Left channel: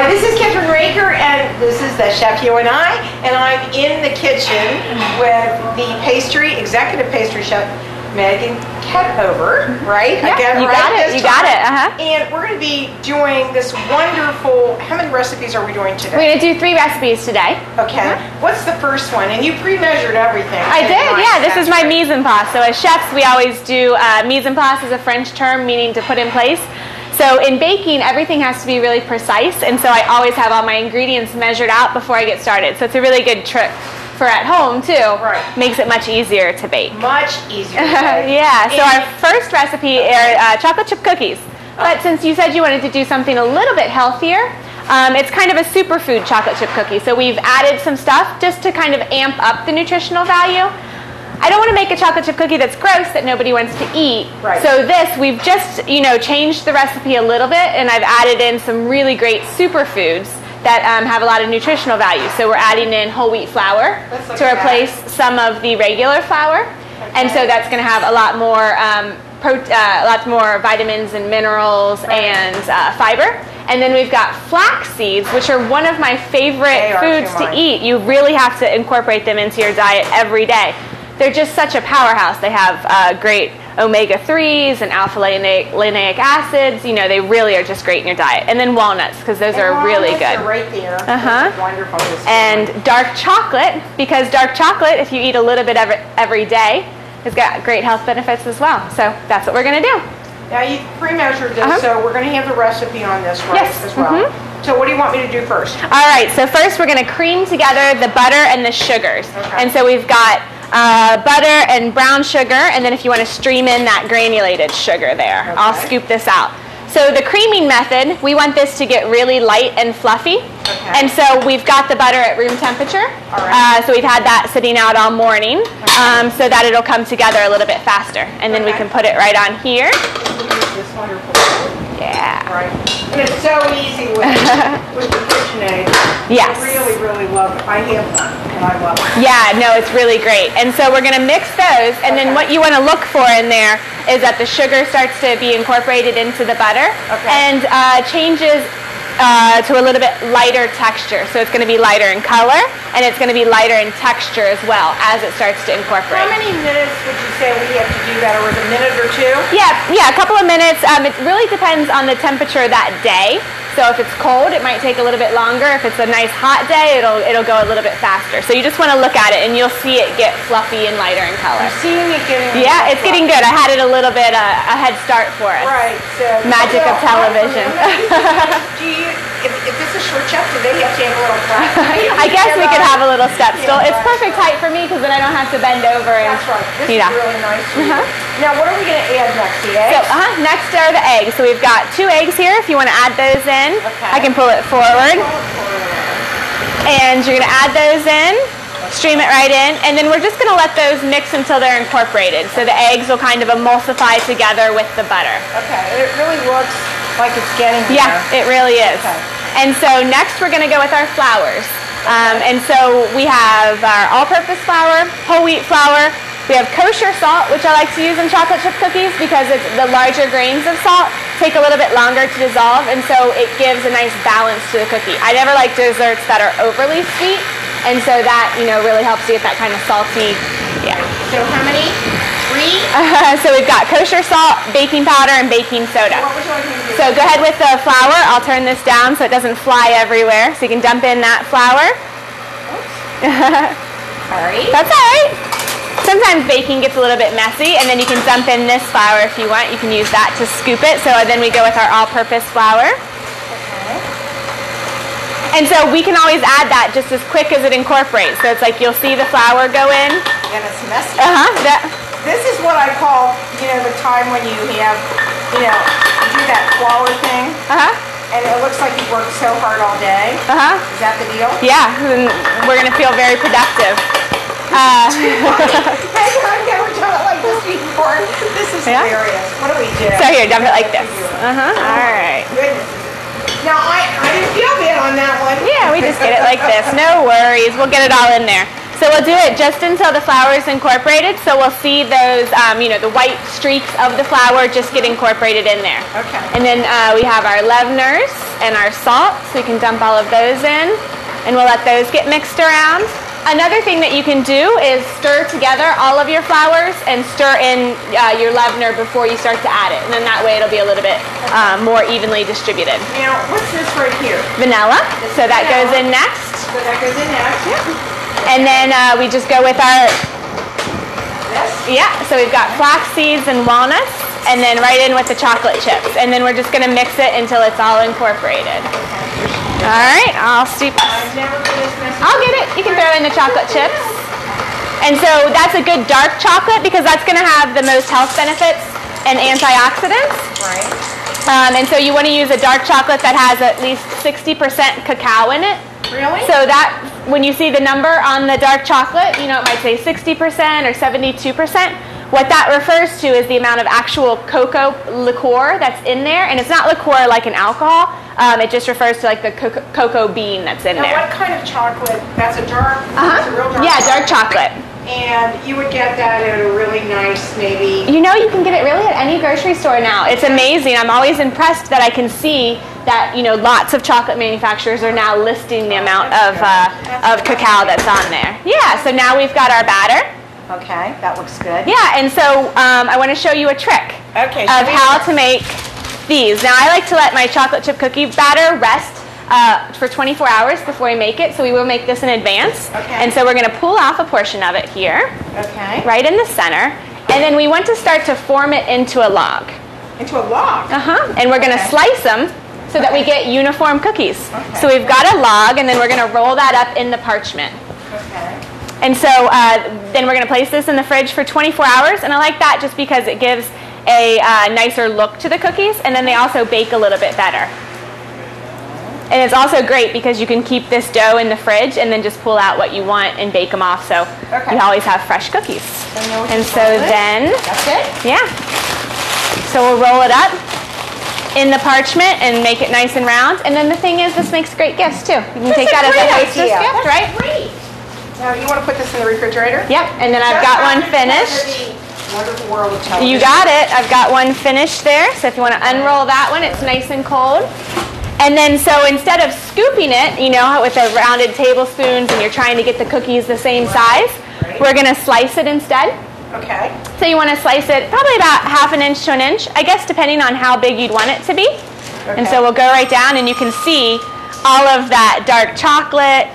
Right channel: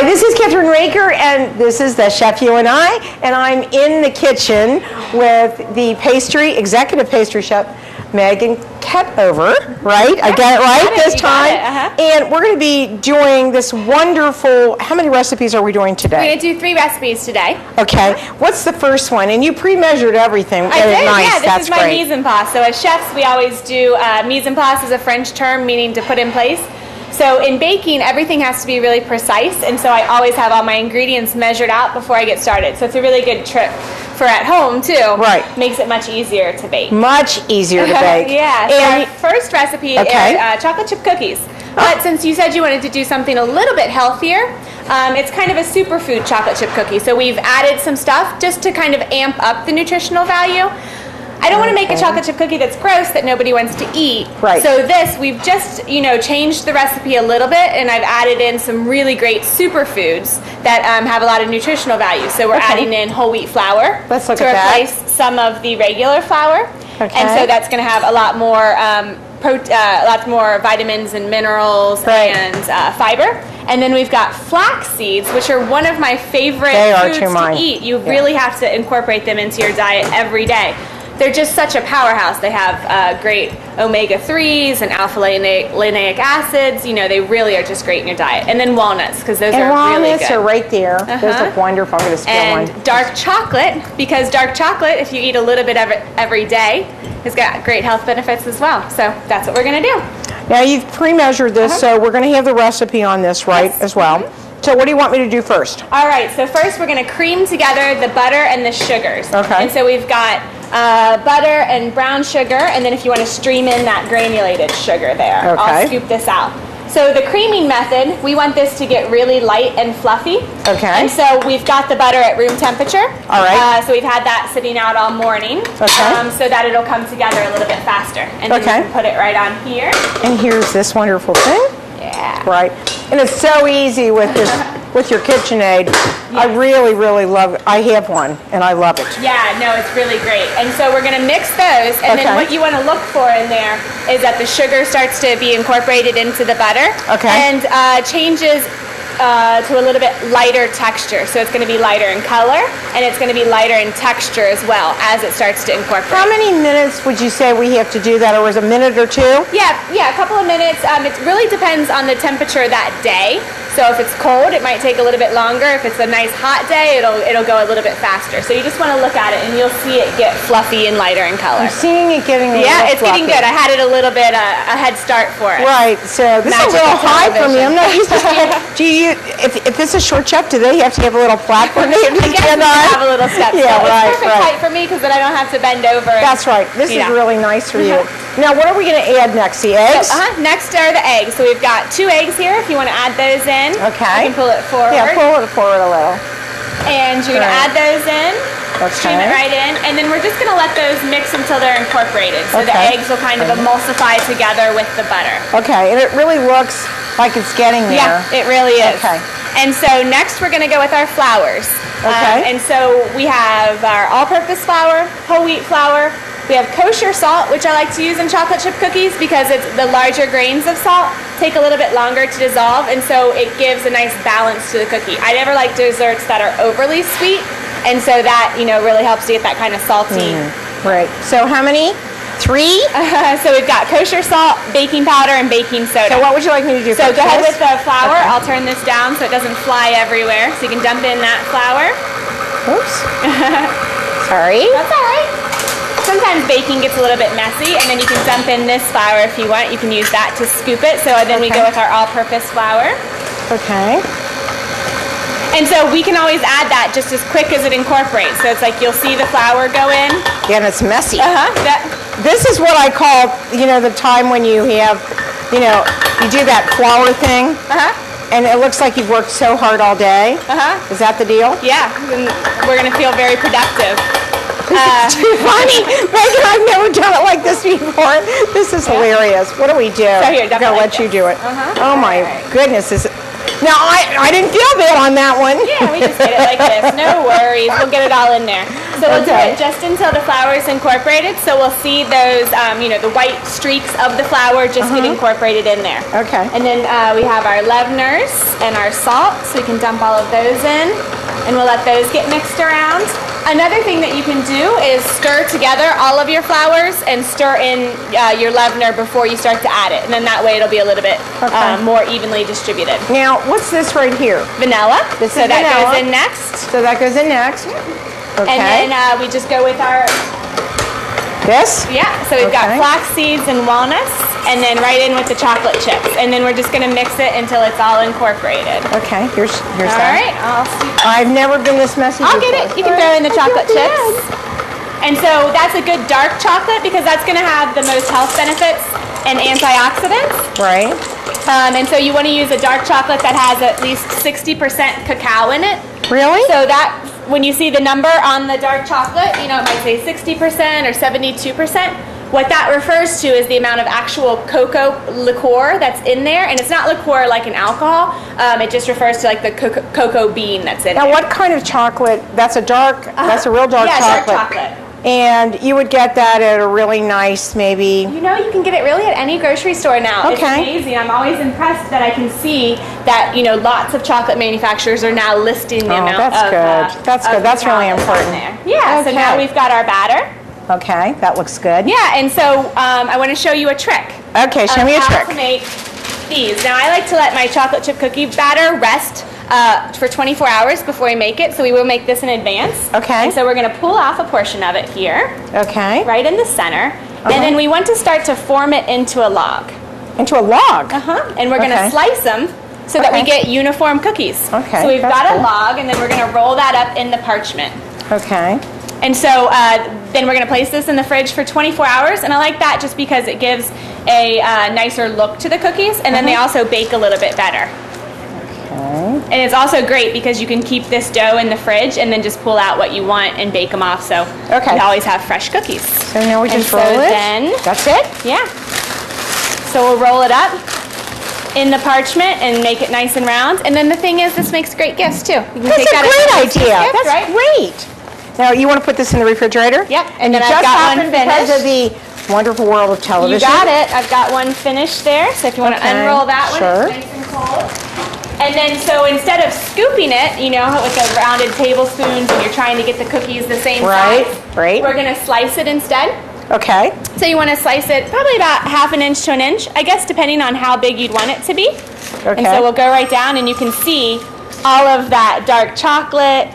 Hi, this is Kathryn Raker, and this is the Chef You and I'm in the kitchen with the executive pastry chef, Megan Ketover, right? Yeah, I get it right this time. It. And we're going to be doing this wonderful, how many recipes are we doing today? We're going to do 3 recipes today. Okay. What's the first one? And you pre-measured everything. I did, nice. yeah. This That's is my great. mise en place. So as chefs, we always do, mise en place is a French term meaning to put in place. So in baking, everything has to be really precise, and so I always have all my ingredients measured out before I get started. So it's a really good trick for at home too. Right. Makes it much easier to bake. Much easier to bake. Yeah. So our first recipe is chocolate chip cookies. But since you said you wanted to do something a little bit healthier, it's kind of a superfood chocolate chip cookie. So we've added some stuff just to kind of amp up the nutritional value. I don't want to make a chocolate chip cookie that's gross that nobody wants to eat. Right. So this, we've just, changed the recipe a little bit, and I've added in some really great superfoods that have a lot of nutritional value. So we're adding in whole wheat flour Let's look to at that. replace some of the regular flour. Okay. And so that's going to have a lot more lots more vitamins and minerals and fiber. And then we've got flax seeds, which are one of my favorite foods to eat. You really have to incorporate them into your diet every day. They're just such a powerhouse. They have great omega-3s and alpha-linoleic acids. They really are just great in your diet. And then walnuts, because those are really good. Walnuts are right there. Those look wonderful. I'm going to And dark chocolate, because dark chocolate, if you eat a little bit of it every day, has got great health benefits as well. So that's what we're going to do. Now you've pre-measured this, so we're going to have the recipe on this as well. So what do you want me to do first? All right, so first we're going to cream together the butter and the sugars. Okay. And so we've got butter and brown sugar, and then if you want to stream in that granulated sugar there. Okay. I'll scoop this out. So the creaming method, we want this to get really light and fluffy. Okay. And so we've got the butter at room temperature. All right. So we've had that sitting out all morning, so that it'll come together a little bit faster. And then we can put it right on here. And here's this wonderful thing. Yeah. Right. And it's so easy with with your KitchenAid. Yes. I really, really love it. I have one, and I love it. Yeah, no, it's really great. And so we're going to mix those, and then what you want to look for in there is that the sugar starts to be incorporated into the butter and changes to a little bit lighter texture. So it's going to be lighter in color, and it's going to be lighter in texture as well as it starts to incorporate. How many minutes would you say we have to do that, or is it a minute or two? Yeah, a couple of minutes. It really depends on the temperature that day. So if it's cold, it might take a little bit longer. If it's a nice hot day, it'll go a little bit faster. So you just want to look at it, and you'll see it get fluffy and lighter in color. I'm seeing it getting it's getting good. I had it a little bit a head start for it. Right. So this is a little high for me. I'm not used to if it's a short chef, do they have to have a little flat for me? I guess we can have a little step. Yeah, so it's perfect height for me because then I don't have to bend over. That's right. This is really nice for you. Now, what are we going to add next? The eggs? Next are the eggs. So we've got 2 eggs here if you want to add those in. Okay. I can pull it forward. Yeah, pull it forward a little. And you're going to add those in. Stream it right in. And then we're just going to let those mix until they're incorporated. So the eggs will kind of emulsify together with the butter. Okay. And it really looks like it's getting there. Yeah, it really is. Okay. And so next we're going to go with our flours. Okay. And so we have our all-purpose flour, whole wheat flour. We have kosher salt, which I like to use in chocolate chip cookies because it's the larger grains of salt take a little bit longer to dissolve, and so it gives a nice balance to the cookie. I never like desserts that are overly sweet, and so that really helps you get that kind of salty. Right. So how many? 3? So we've got kosher salt, baking powder, and baking soda. So what would you like me to do? So go ahead with the flour. I'll turn this down so it doesn't fly everywhere. So you can dump in that flour. Oops. Sorry. That's all right. Sometimes baking gets a little bit messy, and then you can dump in this flour if you want. You can use that to scoop it. So then we go with our all-purpose flour. Okay. And so we can always add that just as quick as it incorporates. So it's like you'll see the flour go in. Yeah, and it's messy. This is what I call, the time when you have, you do that flour thing. And it looks like you've worked so hard all day. Is that the deal? Yeah. And we're going to feel very productive. Too funny. Megan, I've never done it like this before. This is hilarious. What do we do? So here, dump it like let you this. do it. Oh my goodness. Now, I didn't feel bad on that one. Yeah, we just did it like this. No worries. We'll get it all in there. So we'll do it just until the flour is incorporated. So we'll see those, the white streaks of the flour just get incorporated in there. Okay. And then we have our leaveners and our salt, so you can dump all of those in, and we'll let those get mixed around. Another thing that you can do is stir together all of your flours and stir in your leavener before you start to add it. And then that way it'll be a little bit more evenly distributed. Now, what's this right here? Vanilla. So that goes in next. So that goes in next, yeah. Okay. And then we just go with our... This? Yeah, so we've got flax seeds and walnuts, and then right in with the chocolate chips. And then we're just going to mix it until it's all incorporated. Okay, here's all right, I'll see. I've never been this messy I'll get it. You can throw in the chocolate chips. And so that's a good dark chocolate because that's going to have the most health benefits and antioxidants. Right. And so you want to use a dark chocolate that has at least 60% cacao in it. Really? So that, when you see the number on the dark chocolate, it might say 60% or 72%. What that refers to is the amount of actual cocoa liqueur that's in there. And it's not liqueur like an alcohol. It just refers to like the cocoa bean that's in there. Now what kind of chocolate? That's a dark, that's a real dark chocolate. Yeah, dark chocolate. And you would get that at a really nice, maybe... You can get it really at any grocery store now. Okay. It's amazing. I'm always impressed that I can see that, lots of chocolate manufacturers are now listing the amount of cacao that's on there. Yeah, so now we've got our batter. Okay, that looks good. Yeah, and so I want to show you a trick. Okay, show me a trick. How to make these. Now, I like to let my chocolate chip cookie batter rest for 24 hours before I make it, so we will make this in advance. Okay. And so we're going to pull off a portion of it here. Okay. Right in the center. Okay. And then we want to start to form it into a log. Into a log? Uh-huh. And we're going to slice them so that we get uniform cookies. Okay. So we've got a log, and then we're going to roll that up in the parchment. Okay. And so then we're going to place this in the fridge for 24 hours, and I like that just because it gives a nicer look to the cookies, and then they also bake a little bit better. And it's also great because you can keep this dough in the fridge and then just pull out what you want and bake them off. So you always have fresh cookies. And then we just roll it. Then, that's it? Yeah. So we'll roll it up in the parchment and make it nice and round. And then the thing is, this makes great gifts too. That's a great idea. That's great. Now, you want to put this in the refrigerator? Yep. And then I've got one finished. Because of the wonderful world of television. You got it. I've got one finished there. So if you want to unroll that one, it's nice and cold. And then, so instead of scooping it, with the rounded tablespoons, and you're trying to get the cookies the same size, we're going to slice it instead. Okay. So you want to slice it probably about 1/2 inch to 1 inch, I guess, depending on how big you'd want it to be. Okay. And so we'll go right down, and you can see all of that dark chocolate,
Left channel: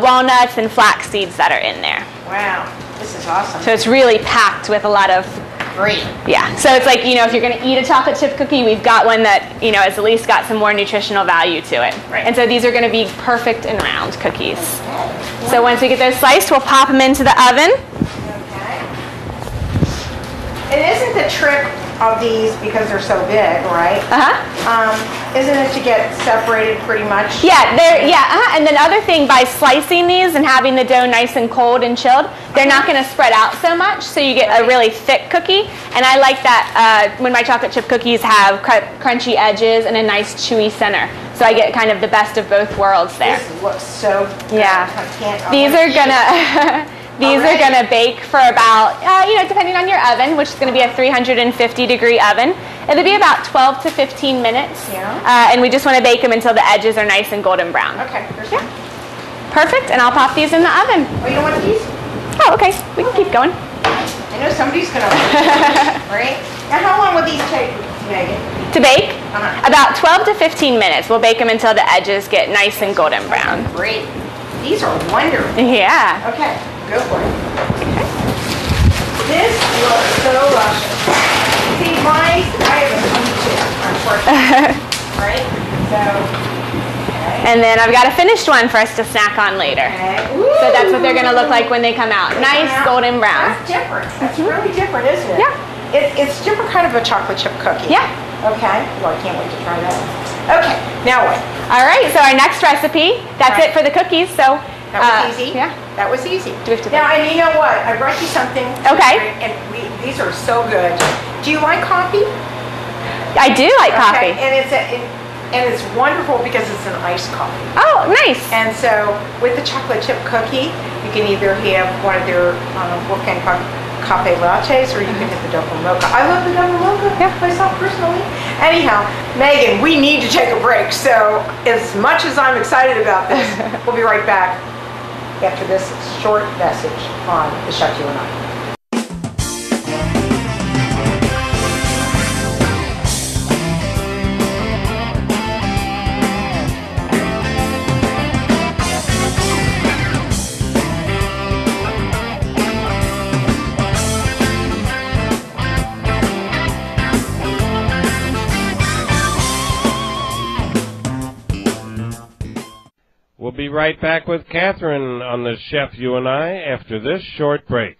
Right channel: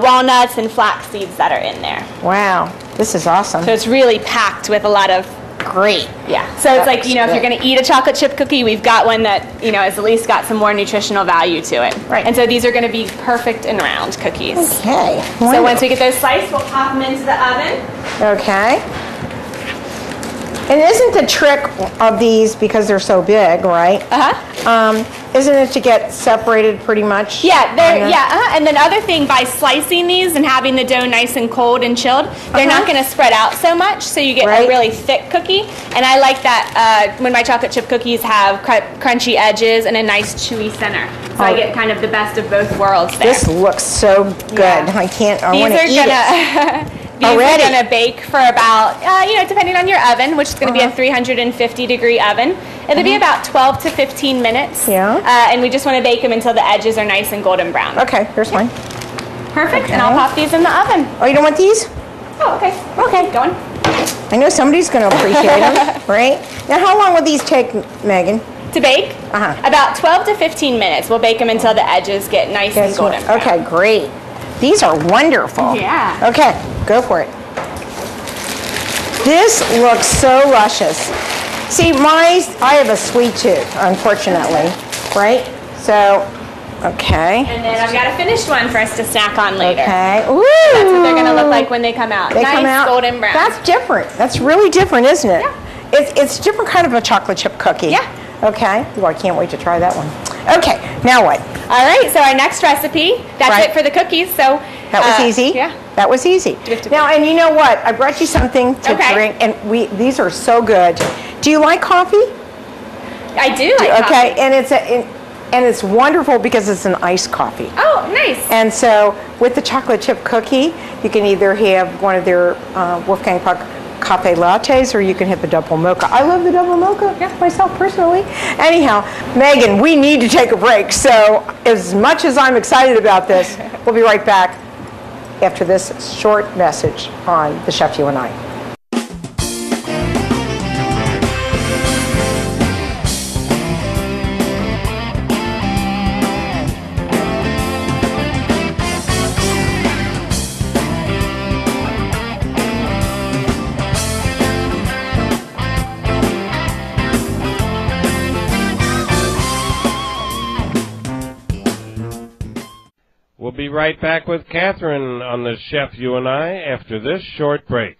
walnuts, and flax seeds that are in there. Wow. This is awesome. So it's really packed with a lot of... Great. Yeah, so it's like, if you're going to eat a chocolate chip cookie, we've got one that, has at least got some more nutritional value to it. Right. And so these are going to be perfect and round cookies. Okay. Wonderful. So once we get those sliced, we'll pop them into the oven. Okay. And isn't the trick of these, because they're so big, right? Isn't it to get separated pretty much? Yeah, and then other thing, by slicing these and having the dough nice and cold and chilled, they're not going to spread out so much, so you get a really thick cookie. And I like that when my chocolate chip cookies have crunchy edges and a nice chewy center. So I get kind of the best of both worlds there. This looks so good. Yeah. I can't. These are gonna. These are going to bake for about, depending on your oven, which is going to be a 350-degree oven. It'll be about 12 to 15 minutes. Yeah. And we just want to bake them until the edges are nice and golden brown. Okay, here's mine. Perfect, and I'll pop these in the oven. Oh, you don't want these? Oh, okay. Okay, going. I know somebody's going to appreciate them, right? Now, how long will these take, Megan? To bake? About 12 to 15 minutes. We'll bake them until the edges get nice and golden brown. Okay, great. These are wonderful. Yeah. Okay, go for it. This looks so luscious. See, I have a sweet tooth, unfortunately, right? So, okay. And then I've got a finished one for us to snack on later. Okay. Ooh. So that's what they're going to look like when they come out. Nice golden brown. That's different. That's really different, isn't it? Yeah. It's different kind of a chocolate chip cookie. Yeah. Okay. Well, I can't wait to try that one. Okay. Now what? All right. So our next recipe, that's it for the cookies. So that was easy. Yeah. That was easy. Now, and you know what? I brought you something to drink, and these are so good. Do you like coffee? I do like coffee. Okay, and And it's wonderful because it's an iced coffee. Oh, nice. And so with the chocolate chip cookie, you can either have one of their Wolfgang Puck cafe lattes, or you can hit the double mocha. I love the double mocha myself personally. Anyhow, Megan, we need to take a break. So as much as I'm excited about this, we'll be right back after this short message on the Chef You and I. We'll be right back with Kathryn on the Chef You and I after this short break.